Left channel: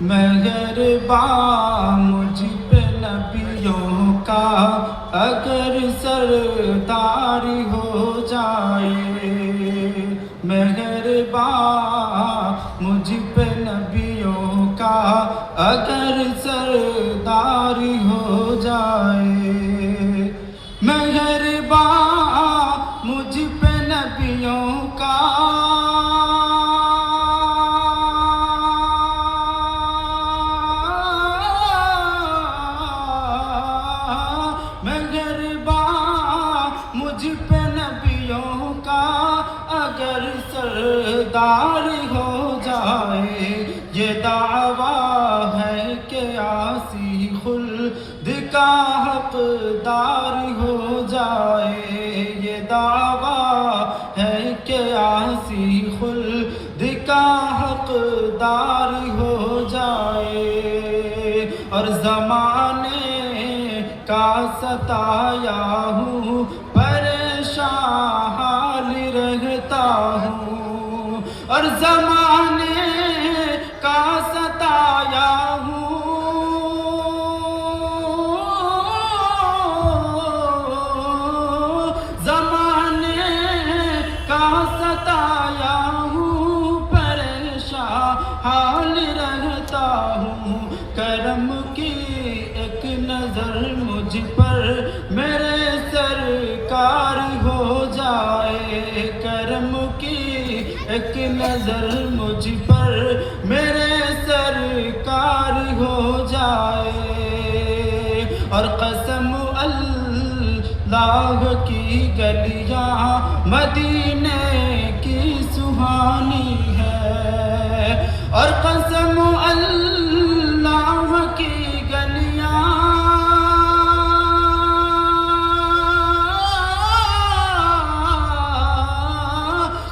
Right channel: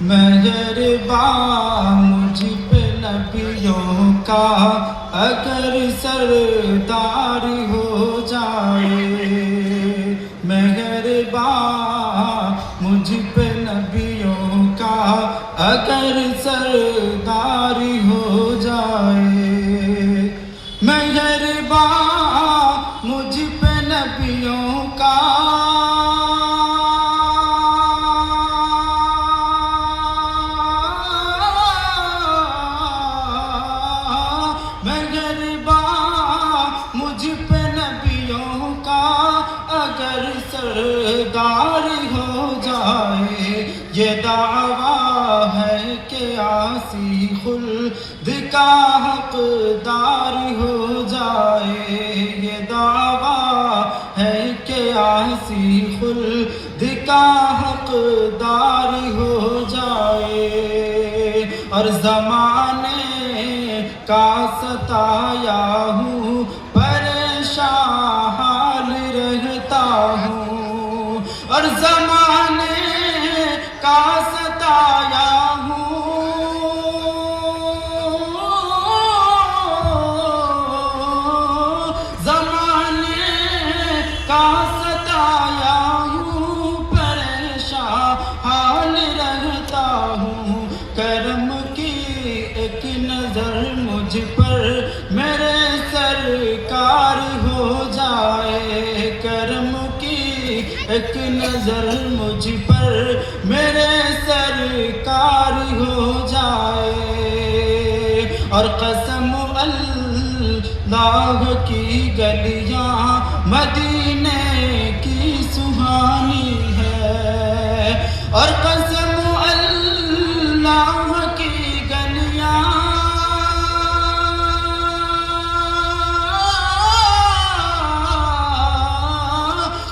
مہرباں مجھ پہ نبیوں کا اگر سردار ہو جائے، مہرباں مجھ پہ نبیوں کا اگر سردار ہو جائے، مہرباں مجھ پہ نبیوں کا مجھ پہ نبیوں کا اگر سردار ہو جائے، یہ دعویٰ ہے کہ عاصی خلد کا حقدار ہو جائے، یہ دعویٰ ہے کہ عاصی خلد کا حقدار ہو جائے، اور زمانے کا ستایا ہوں پریشان حال رہتا ہوں، اور زمانے کا ستایا ہوں زمانے کا ستایا ہوں پریشان حال رہتا ہوں، کرم کی ایک نظر مجھ پر میرے سرکار ہو جائے، کرم کی ایک نظر مجھ پر میرے سرکار ہو جائے، اور قسم اللہ کی گلیاں مدینے کی سہانی ہے، اور قسم اللہ کی گلیاں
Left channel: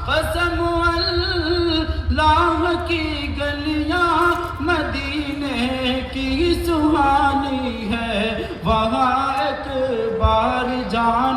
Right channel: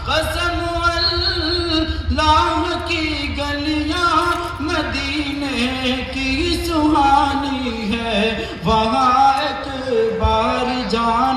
قسم اللہ کی گلیاں مدینے کی سہانی ہے، وہاں ایک بار جان